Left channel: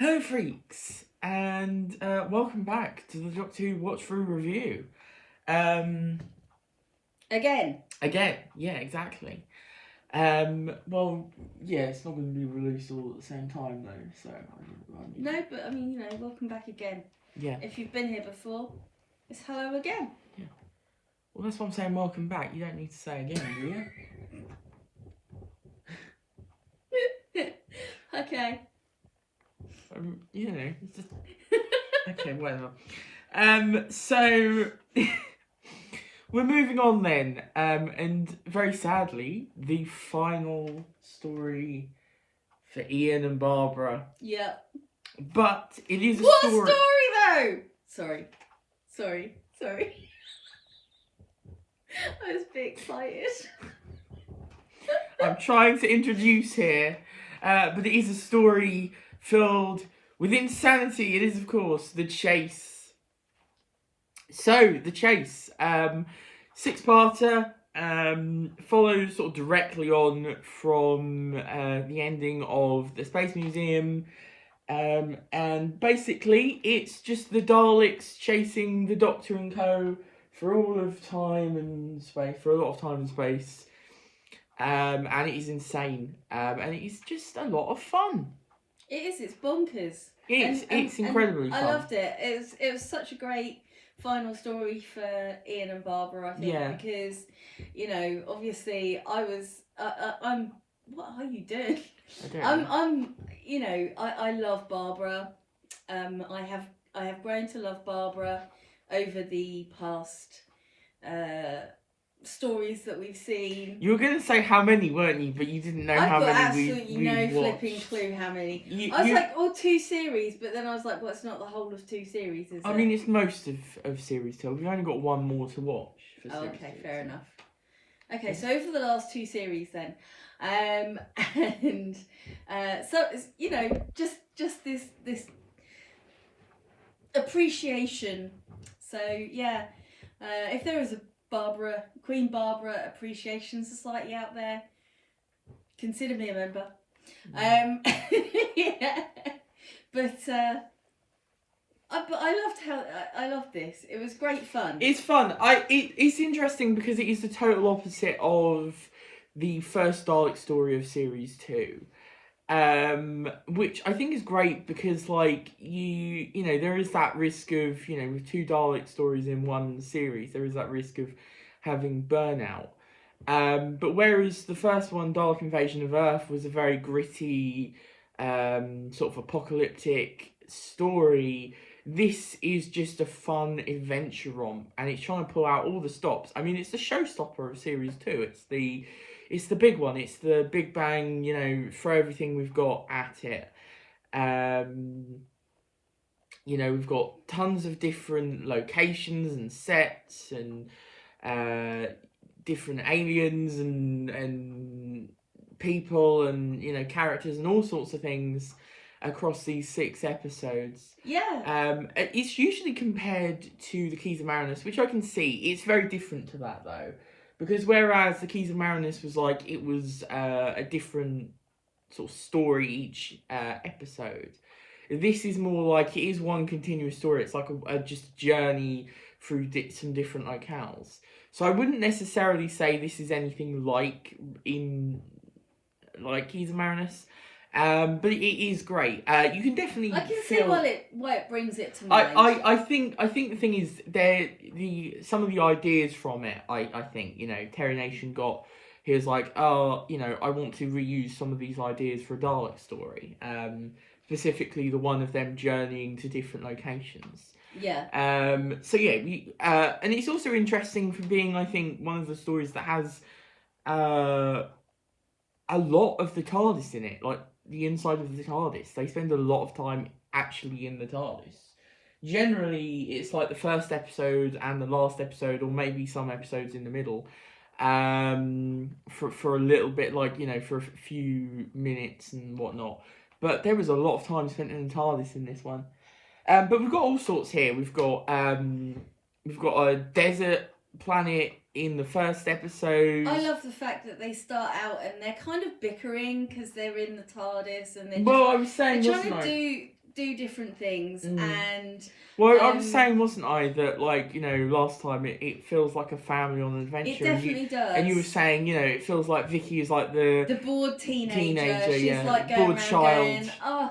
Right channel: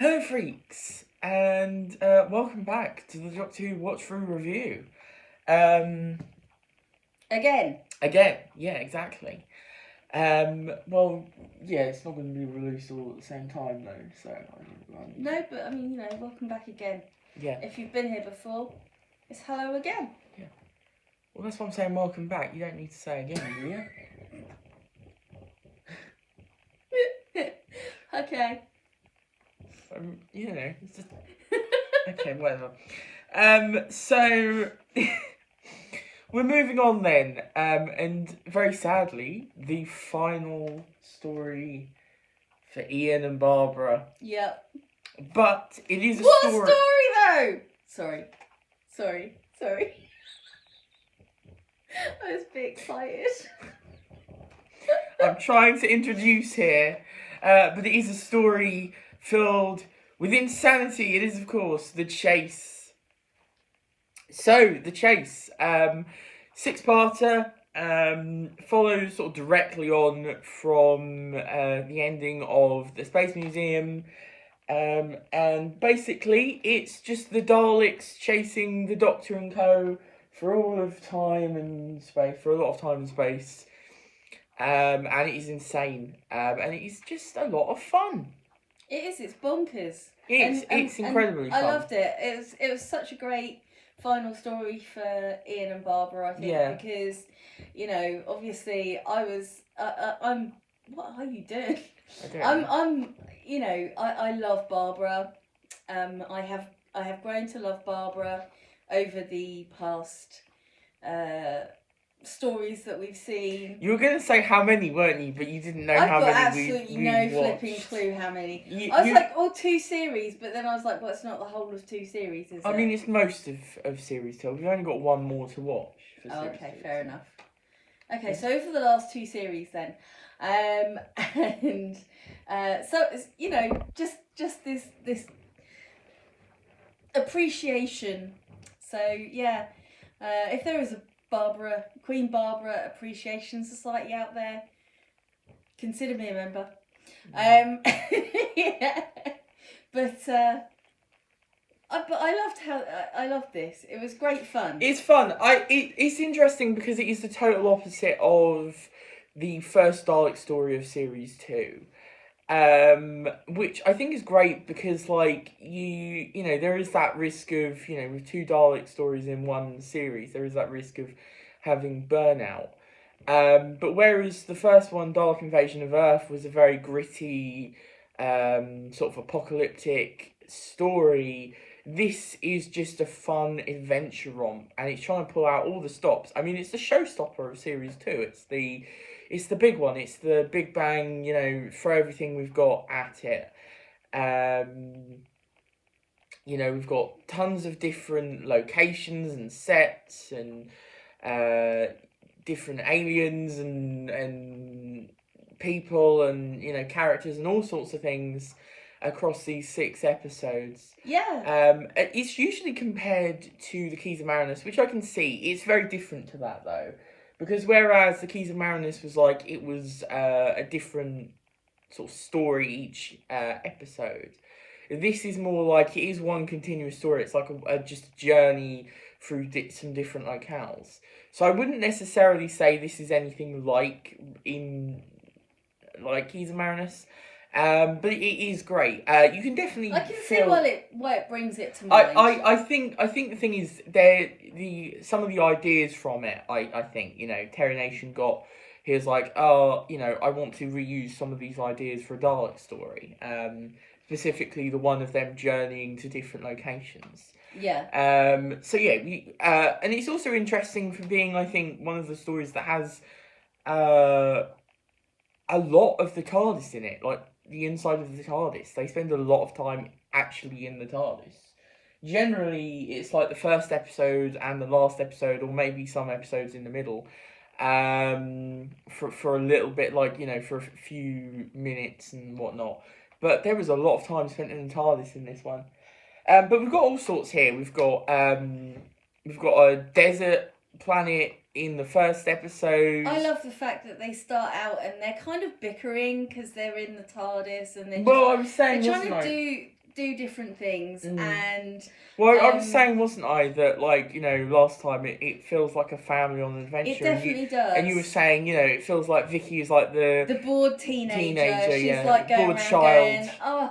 Hello, freaks, and welcome back to the Doctor Who Watch Through review. Again, yeah, exactly. Well, yeah, it's not going to be released all at the same time though, so no, but I mean, welcome back again. Yeah. If you've been here before, it's hello again. Yeah. Well, that's what I'm saying. Welcome back. You don't need to say again, do you? Okay. It's just okay, whatever. So we're moving on then, and very sadly, the final story for Ian and Barbara. Yep. But it is a what story. What a story, though! Sorry. I was a bit excited. I'm trying to introduce here, but it is a story filled with insanity. It is, of course, The Chase. So, The Chase, six-parter, follows sort of directly on from the ending of the Space Museum, and basically it's just the Daleks chasing the Doctor and co. for all of time and space, for a lot of time and space. And it is insane. And it is just a lot of fun. It is. It's bonkers. It's incredibly fun. I loved it. It was such a great final story for Ian and Barbara. I think because obviously I'm. What are you doing? I love Barbara. I have grown to love Barbara over the past stories that we've seen. You were going to say how many, weren't you? But you didn't know how many we watched. I've got absolutely no flipping clue how many. I was like, 2 series, but then I was like, well, it's not the whole of 2 series, is it? I mean, it's most of series 2. We've only got one more to watch. Okay, fair enough. Okay, so over the last 2 series then. So just this appreciation. So yeah, if there is a Queen Barbara Appreciation Society out there, consider me a member. Yeah, but I loved this. It was great fun. It's fun. It's interesting because it is the total opposite of the first Dalek story of series 2, which I think is great because there is that risk of with 2 Dalek stories in one series, there is that risk of having burnout. But whereas the first one, Dalek Invasion of Earth, was a very gritty, sort of apocalyptic story, this is just a fun adventure romp, and it's trying to pull out all the stops. I mean, it's the showstopper of series 2. It's the big one. It's the big bang, throw everything we've got at it. We've got tons of different locations and sets and different aliens and people and, characters and all sorts of things across these 6 episodes. Yeah. It's usually compared to the Keys of Marinus, which I can see. It's very different to that, though. Because whereas the Keys of Marinus was it was a different sort of story each episode, this is more like it is one continuous story. It's like a just journey through some different locales. So I wouldn't necessarily say this is anything like Keys of Marinus. But it is great. You can definitely I can feel see why it brings it to mind. I think the thing is some of the ideas from it. I think Terry Nation he was like, I want to reuse some of these ideas for a Dalek story. Specifically the one of them journeying to different locations. Yeah. So yeah, and it's also interesting for being, I think, one of the stories that has a lot of the Tardis in it, like the inside of the Tardis. They spend a lot of time actually in the Tardis. Generally, it's like the first episode and the last episode, or maybe some episodes in the middle, for a little bit, for a few minutes and whatnot. But there was a lot of time spent in the Tardis in this one. But we've got all sorts here. We've got a desert planet in the first episode. I love the fact that they start out and they're kind of bickering because they're in the TARDIS and they're I was saying, they're trying to do different things, and well, I was saying, wasn't I, that like, you know, last time it feels like a family on an adventure. It definitely does. And you were saying, you know, it feels like Vicky is like the bored teenager. She's like going bored around child. Going, oh,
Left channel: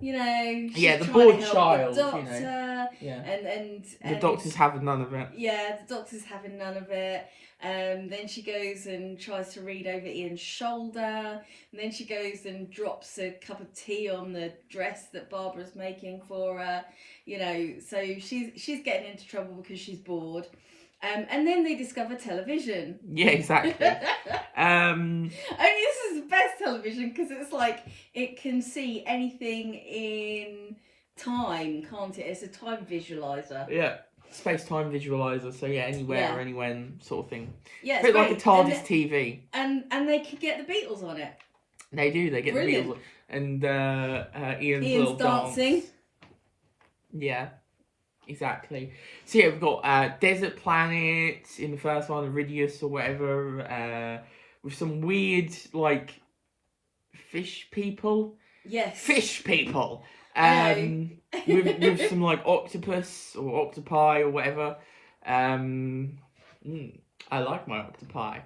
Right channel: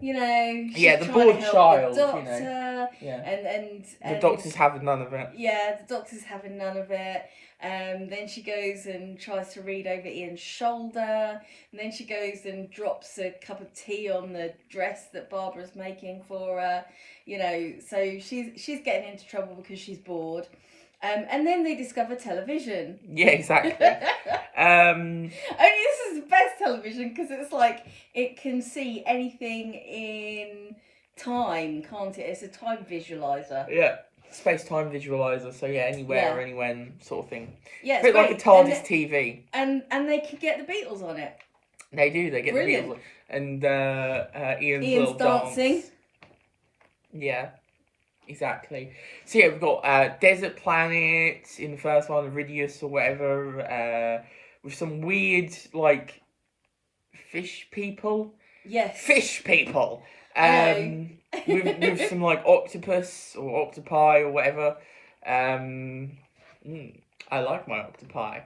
you know, she's yeah, the trying bored to help child. the doctor, you know, yeah, and the doctor's having none of it. Yeah, the doctor's having none of it. Then she goes and tries to read over Ian's shoulder, and then she goes and drops a cup of tea on the dress that Barbara's making for her. You know, so she's getting into trouble because she's bored. And then they discover television. Yeah, exactly. I mean, this is the best television because it's like it can see anything in time, can't it? It's a time visualizer. Yeah, space-time visualizer. So yeah, anywhere or anywhen sort of thing. Yeah, it's a bit like a Tardis TV. And they can get the Beatles on it. They do. They get Brilliant. the Beatles and Ian's little dancing. Dance. Yeah. Exactly. So yeah, we've got Desert Planet in the first one, Iridius or whatever, with some weird like fish people. Yes. Fish people. with some like octopus or octopi or whatever. I like my octopi.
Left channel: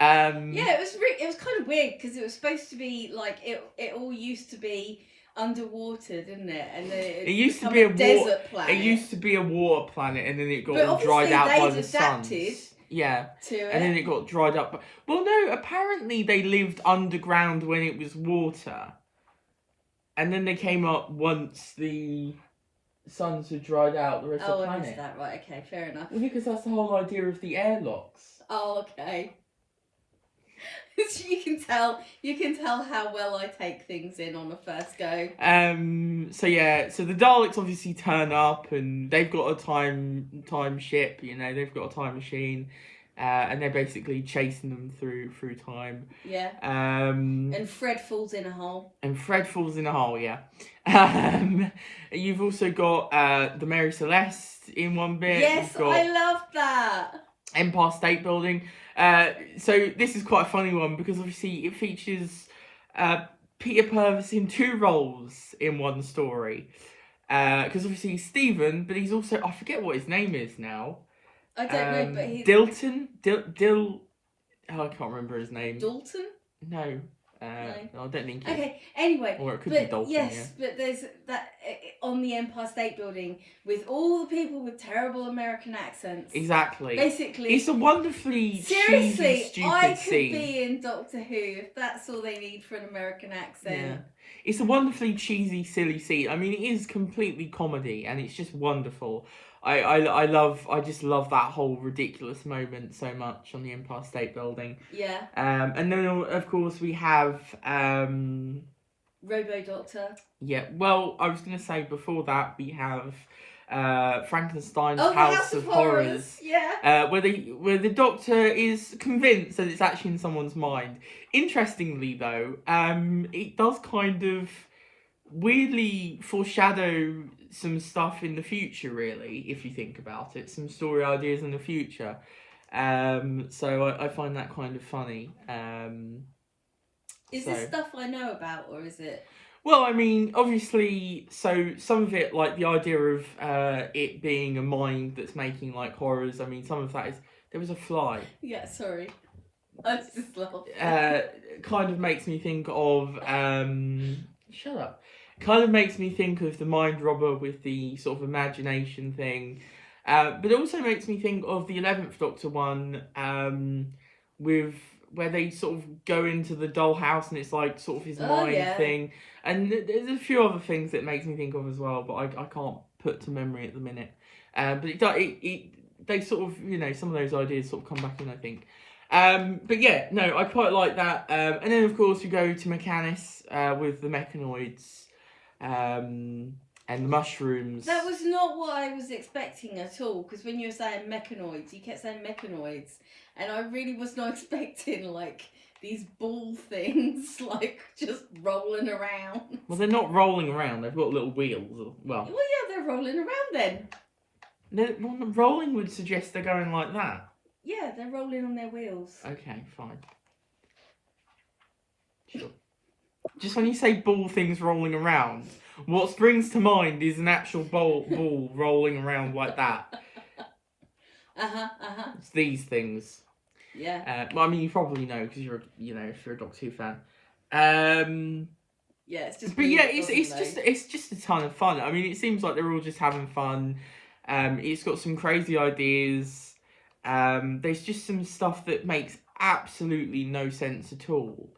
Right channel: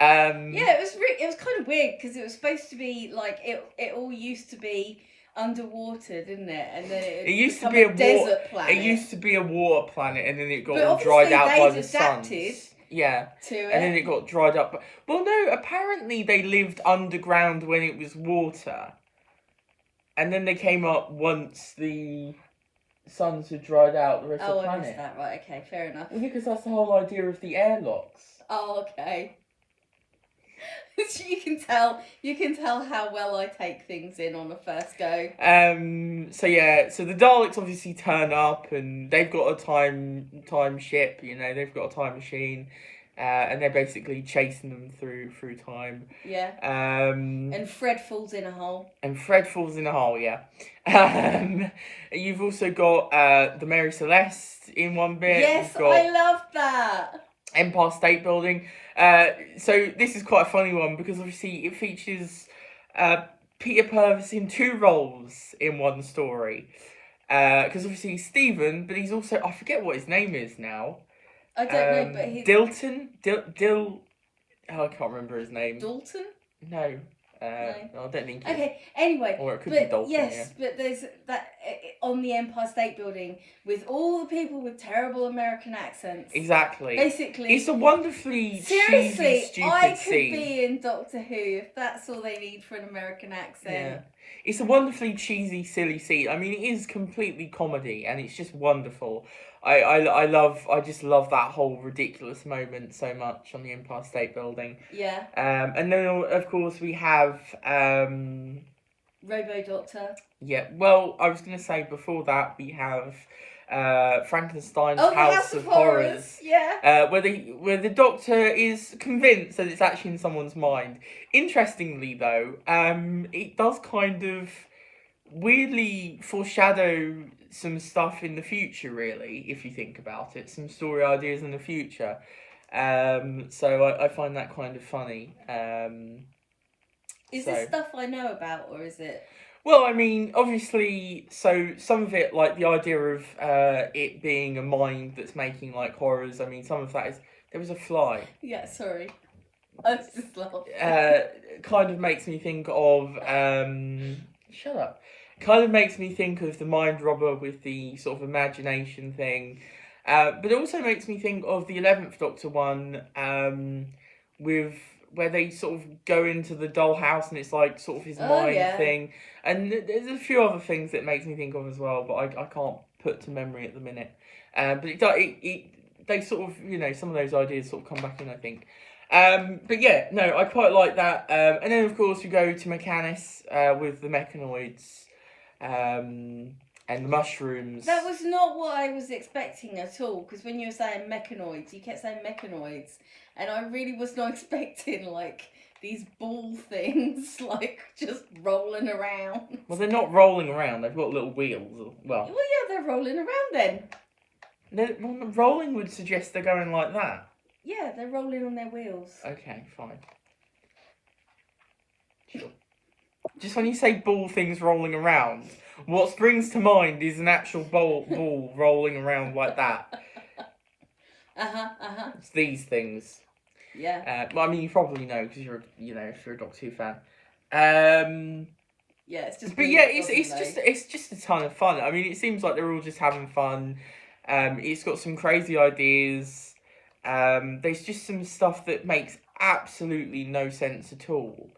Yeah, it was kind of weird because it was supposed to be like it all used to be underwater, didn't it? And then it used to be a desert planet. It used to be a water planet, and then it got all dried out by the sun. Yeah, and then it got dried up. Well, no, apparently they lived underground when it was water, and then they came up once the suns had dried out the rest of the planet. Oh, I missed that. Right, okay, fair enough. Well, because that's the whole idea of the airlocks. Oh, okay. You can tell how well I take things in on the first go. So yeah, so the Daleks obviously turn up and they've got a time ship, you know, they've got a time machine, and they're basically chasing them through time. Yeah. And Fred falls in a hole. Yeah. You've also got the Mary Celeste in one bit. Yes, I love that. Empire State Building. So this is quite a funny one because obviously it features Peter Purves in two roles in one story. Because obviously he's Stephen, but he's also, I forget what his name is now. I don't know, but he's... Dilton? Oh, I can't remember his name. Dalton? No. I don't think it's... Okay, anyway. Or it could be Dalton, yes, but there's that on the Empire State Building with all the people with terrible American accents. Exactly. Basically. It's a wonderfully cheesy, stupid I could scene. be in Doctor Who if that's all they need for an American accent. Yeah. It's a wonderfully cheesy, silly scene. I mean, it is completely comedy and it's just wonderful. I just love that whole ridiculous moment so much on the Empire State Building. Yeah. And then of course we have Robo Doctor. Yeah. Well, I was gonna say before that we have Frankenstein's House of Horrors. Yeah. Where the Doctor is convinced that it's actually in someone's mind. Interestingly, though, it does kind of weirdly foreshadow some stuff in the future, really, if you think about it. Some story ideas in the future. So I find that kind of funny. Is this stuff I know about, or is it... Well, I mean, obviously, so some of it, like the idea of it being a mind that's making, like, horrors, I mean, some of that is... There was a fly. Yeah, sorry. I was just laughing. Kind of makes me think of... Shut up. Kind of makes me think of the mind robber with the sort of imagination thing. But it also makes me think of the 11th Doctor one, with... where they sort of go into the dollhouse and it's like sort of his mind thing. And there's a few other things that it makes me think of as well, but I can't put to memory at the minute. But they sort of, you know, some of those ideas sort of come back in, I think. But yeah, no, I quite like that. And then of course we go to Mechanics with the Mechanoids and the mushrooms. That was not what I was expecting at all, because when you were saying Mechanoids, you kept saying Mechanoids. And I really was not expecting, like, these ball things, like, just rolling around. Well, they're not rolling around. They've got little wheels. Well, yeah, they're rolling around then. Well, rolling would suggest they're going like that. Yeah, they're rolling on their wheels. Okay, fine. Sure. Just when you say ball things rolling around, what springs to mind is an actual ball rolling around like that. It's these things. Yeah. Well, I mean, you probably know because if you're a Doctor Who fan. Yeah, it's just. But yeah, it's just a ton of fun. I mean, it seems like they're all just having fun. It's got some crazy ideas. There's just some stuff that makes absolutely no sense at all.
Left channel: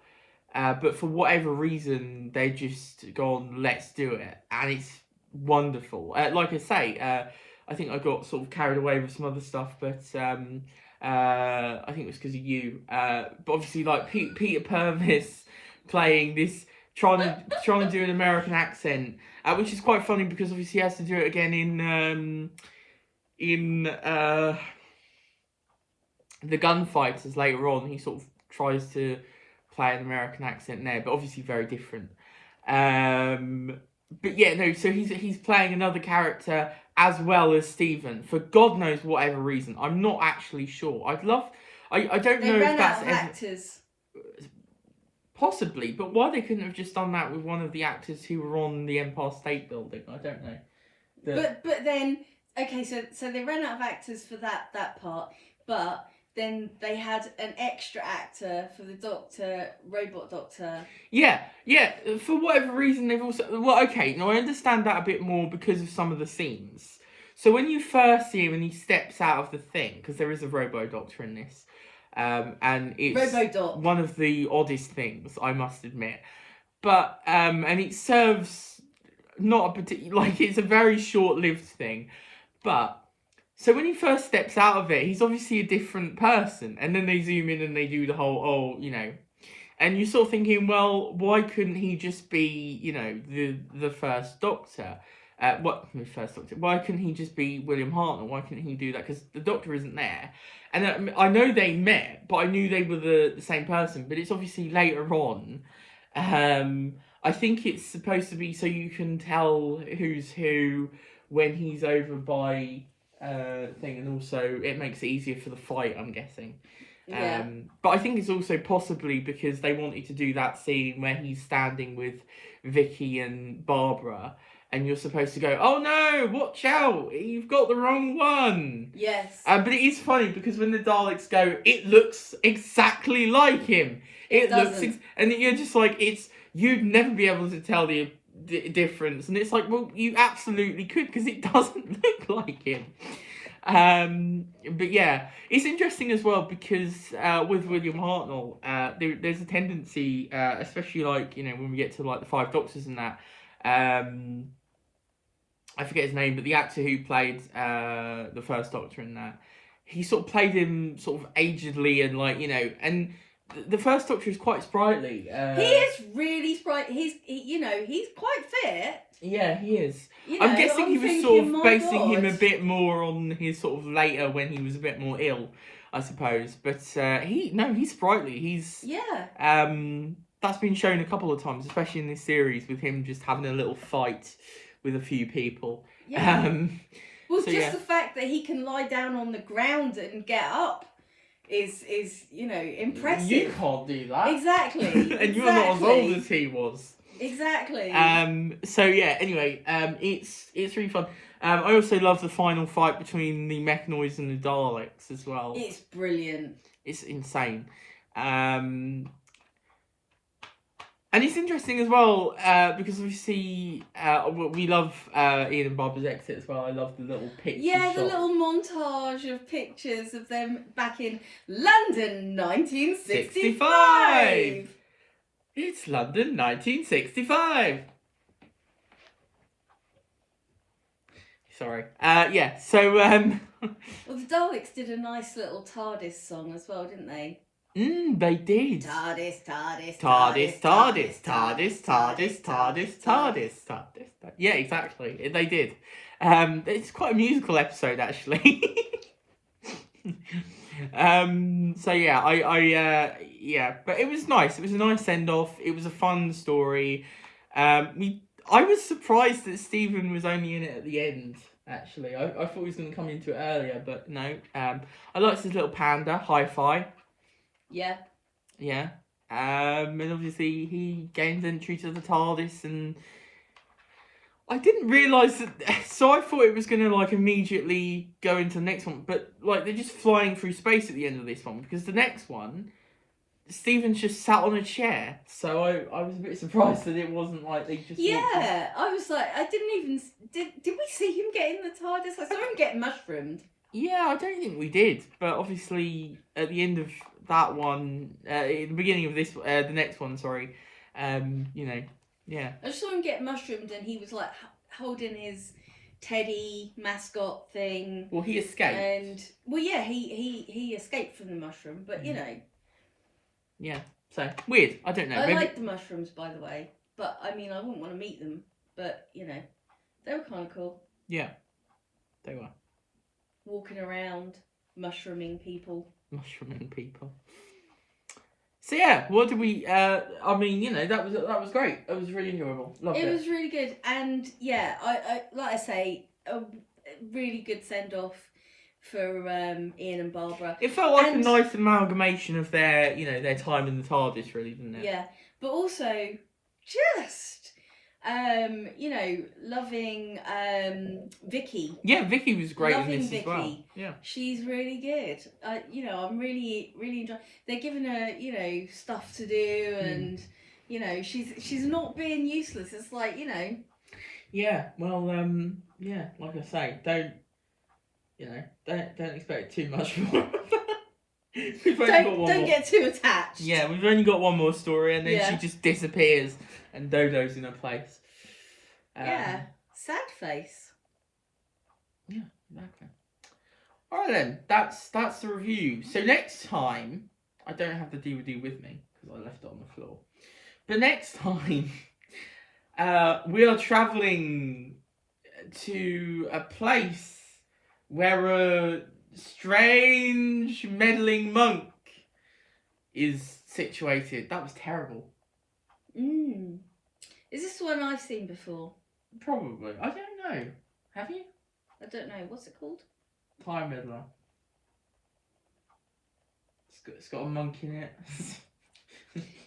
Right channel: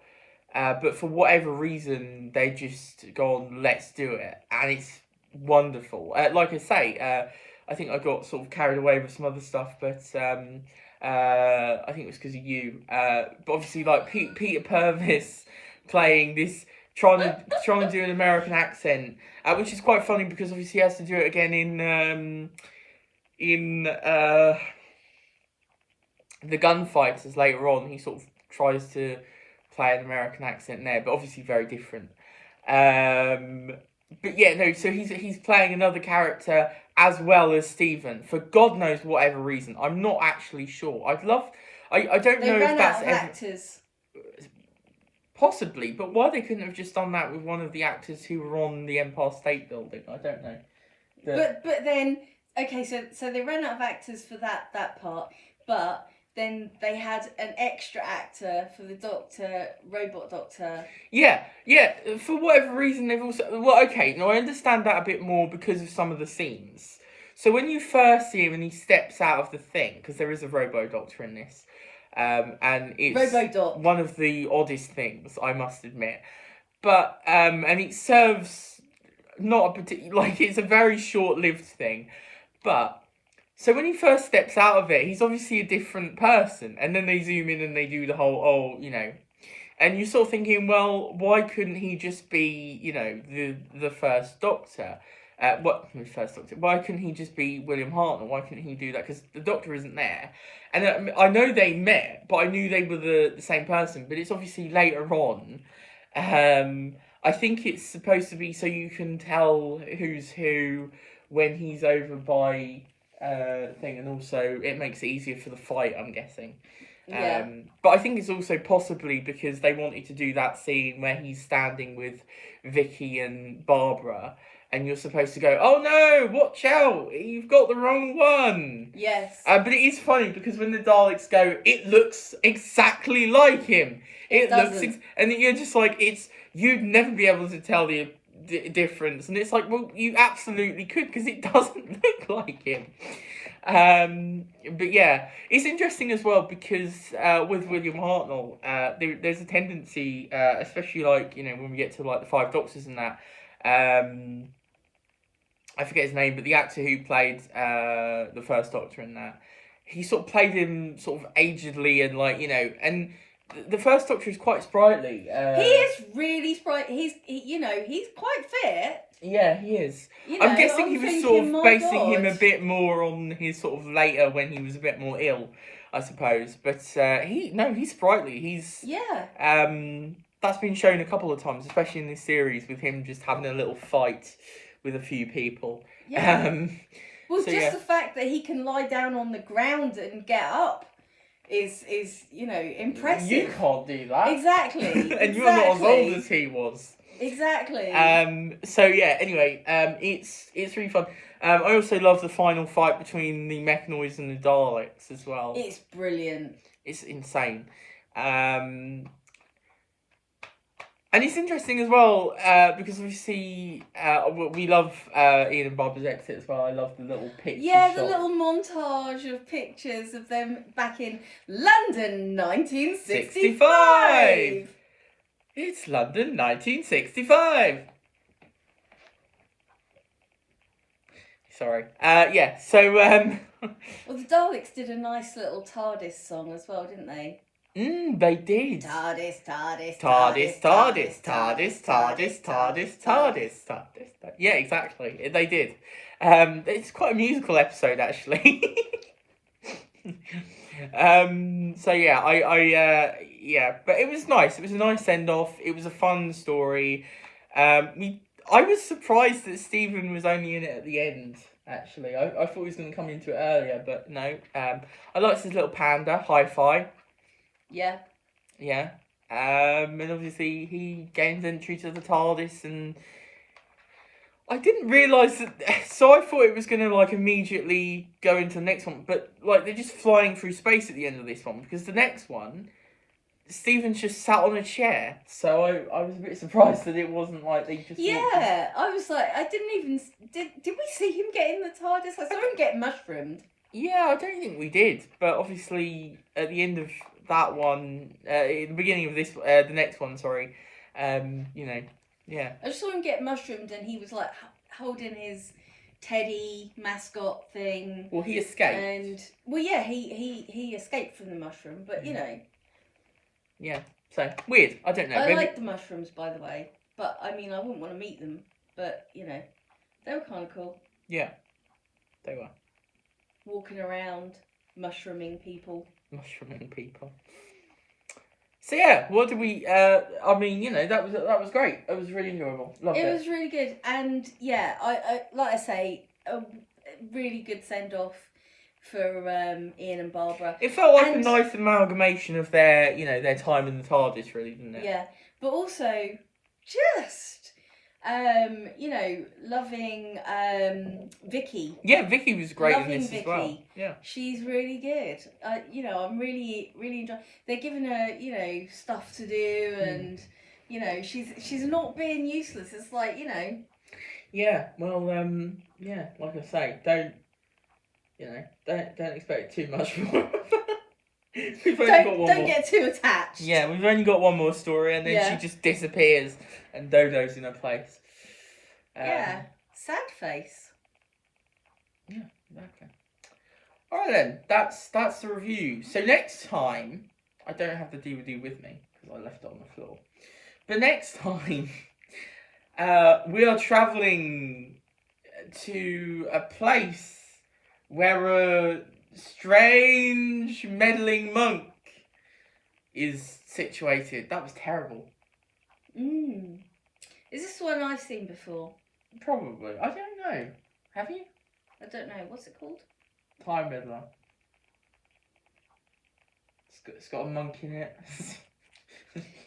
But for whatever reason, they just gone, let's do it, and it's wonderful. Like I say, I think I got sort of carried away with some other stuff, but I think it was because of you. But obviously, like Peter Purvis playing this, trying to do an American accent, which is quite funny because obviously he has to do it again in the Gunfighters later on. He sort of tries to play an American accent there, but obviously very different. But yeah, no. So he's playing another character as well as Stephen for God knows whatever reason. I'm not actually sure. I don't know if that's actors. Possibly, but why they couldn't have just done that with one of the actors who were on the Empire State Building, I don't know. But then okay, so they ran out of actors for that part, but then they had an extra actor for the robot doctor. Yeah. For whatever reason, they've also... Well, okay, now I understand that a bit more because of some of the scenes. So when you first see him and he steps out of the thing, because there is a robo-doctor in this, and it's Robo-Doc. one of the oddest things, I must admit. But, and it serves not a particular... Like, it's a very short-lived thing. But... So when he first steps out of it, he's obviously a different person. And then they zoom in and they do the whole, And you're sort of thinking, well, why couldn't he just be, the first Doctor? First Doctor? Why couldn't he just be William Hartnell? Why couldn't he do that? Because the Doctor isn't there. And I know they met, but I knew they were the same person. But it's obviously later on. I think it's supposed to be so you can tell who's who when he's over by... thing, and also it makes it easier for the fight, I'm guessing. Yeah. But I think it's also possibly because they wanted to do that scene where he's standing with Vicky and Barbara, and you're supposed to go, oh no, watch out, you've got the wrong one. Yes. But it is funny because when the Daleks go, it looks exactly like him. And you're just like, you'd never be able to tell the difference, and it's like, well, you absolutely could because it doesn't look like him. But yeah, it's interesting as well because with William Hartnell, there's a tendency, especially like when we get to like the Five Doctors and that. I forget his name, but the actor who played the first Doctor in that, he sort of played him sort of agedly and like and. The first Doctor is quite sprightly. He is really sprightly. He's quite fit. Yeah, he is. I'm guessing he was sort of basing him a bit more on his sort of later when he was a bit more ill, I suppose. But he's sprightly. He's that's been shown a couple of times, especially in this series, with him just having a little fight with a few people. Yeah. The fact that he can lie down on the ground and get up is impressive. You can't do that. Exactly. And you're not as old as he was. Exactly. So yeah, anyway, it's really fun. I also love the final fight between the Mechanoids and the Daleks as well. It's brilliant. It's insane. And it's interesting as well, because obviously we love Ian and Barbara's exit as well. I love the little picture Yeah, shot. the little montage of pictures of them back in London 1965. It's London 1965. Sorry. Yeah, so... Well, the Daleks did a nice little Tardis song as well, didn't they? They did. Tardis, Tardis, Tardis, Tardis, Tardis, Tardis, Tardis, Tardis, Tardis. Yeah, exactly. They did. It's quite a musical episode, actually. So yeah, yeah, but it was nice. It was a nice send off. It was a fun story. I was surprised that Stephen was only in it at the end. Actually, I thought he was going to come into it earlier, but no. I liked his little panda, Hi-Fi. Yeah. Yeah. And obviously he gains entry to the TARDIS, and I didn't realise that. So I thought it was going to like immediately go into the next one, but like they're just flying through space at the end of this one because the next one, Steven's just sat on a chair. So I was a bit surprised that it wasn't like they just. Yeah, I was like, I didn't even did we see him get in the TARDIS? I saw him get mushroomed. Yeah, I don't think we did, but obviously at the end of that one, in the beginning of this, the next one, sorry, you know, yeah. I just saw him get mushroomed, and he was like holding his teddy mascot thing. Well, he escaped. And well, yeah, he escaped from the mushroom, but you know. Yeah. So weird. I don't know. I like the mushrooms, by the way, but I mean, I wouldn't want to meet them, but you know, they were kind of cool. Yeah, they were. Walking around, mushrooming people. Mushrooming people. So yeah, what did we? I mean, you know, that was great. It was really enjoyable. Loved it. It was really good, and yeah, I like I say, a really good send off for Ian and Barbara. It felt like a nice amalgamation of their, you know, their time in the TARDIS, really, didn't it? Yeah, but also just you know, loving Vicky. Yeah, Vicky was great in Loving this Vicky. as well. Yeah, she's really good. You know, I'm really enjoying. They're giving her, you know, stuff to do, and you know, she's not being useless. It's like, you know. Yeah. Well, yeah. Like I say, don't expect too much more. We've only got one more. Don't get too attached. Yeah, we've only got one more story, and then Yeah. she just disappears, and Dodo's in her place. Yeah, sad face. Yeah, exactly. All right then, that's the review. So next time, I don't have the DVD with me because I left it on the floor. But next time, we are travelling to a place where a strange meddling monk is situated. That was terrible. Is this the one I've seen before? Probably. I don't know. Have you? I don't know. What's it called? Time Meddler. It's got a monk in it.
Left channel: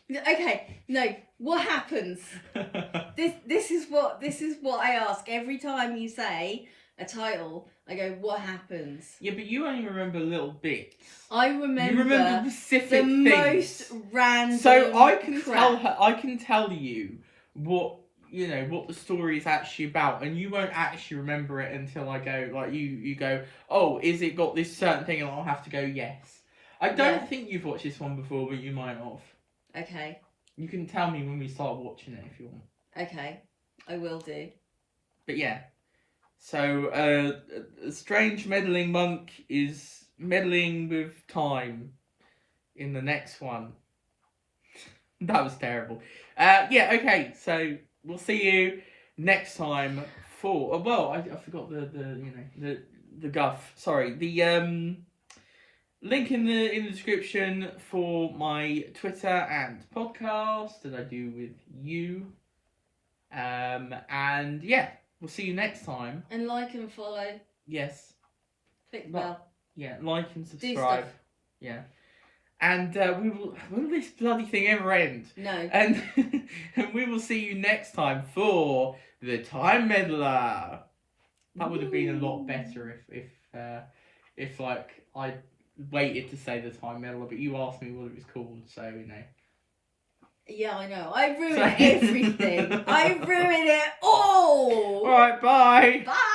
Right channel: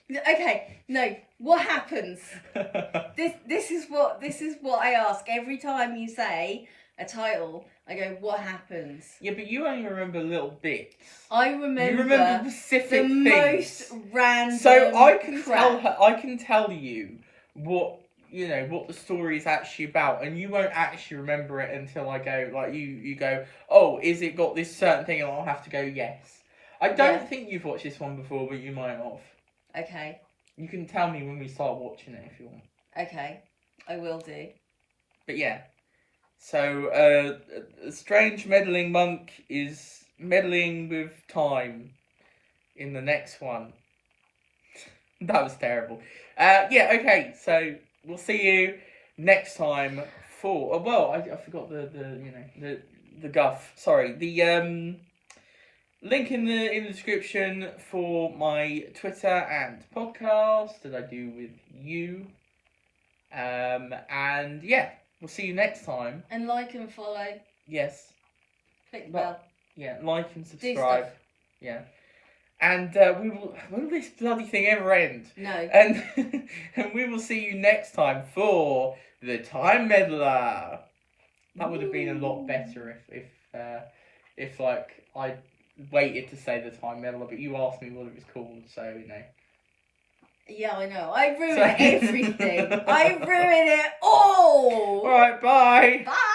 Okay, no. What happens? This is what I ask every time you say a title. I go, what happens? Yeah, but you only remember little bits. I remember. You remember specific the things. most random. So I can crap. I can tell you what the story is actually about, and you won't actually remember it until I go like you go, oh, is it got this certain thing, and I'll have to go yes. I don't think you've watched this one before, but you might have. Okay. You can tell me when we start watching it if you want. Okay, I will do. But yeah, so a strange meddling monk is meddling with time in the next one. That was terrible. Yeah, okay, so we'll see you next time for. Well, I forgot the guff. Sorry, the link in the description for my Twitter and podcast that I do with you. And yeah, we'll see you next time. And like and follow. Yes. Click the bell. Yeah, like and Do subscribe. stuff. Yeah. And will this bloody thing ever end? No. And and we will see you next time for the Time Meddler. That would have been a lot better if like I waited to say the Time Meddler, but you asked me what it was called, so you know. Yeah, I know. I ruined everything. I ruined it all. All right, bye. Bye.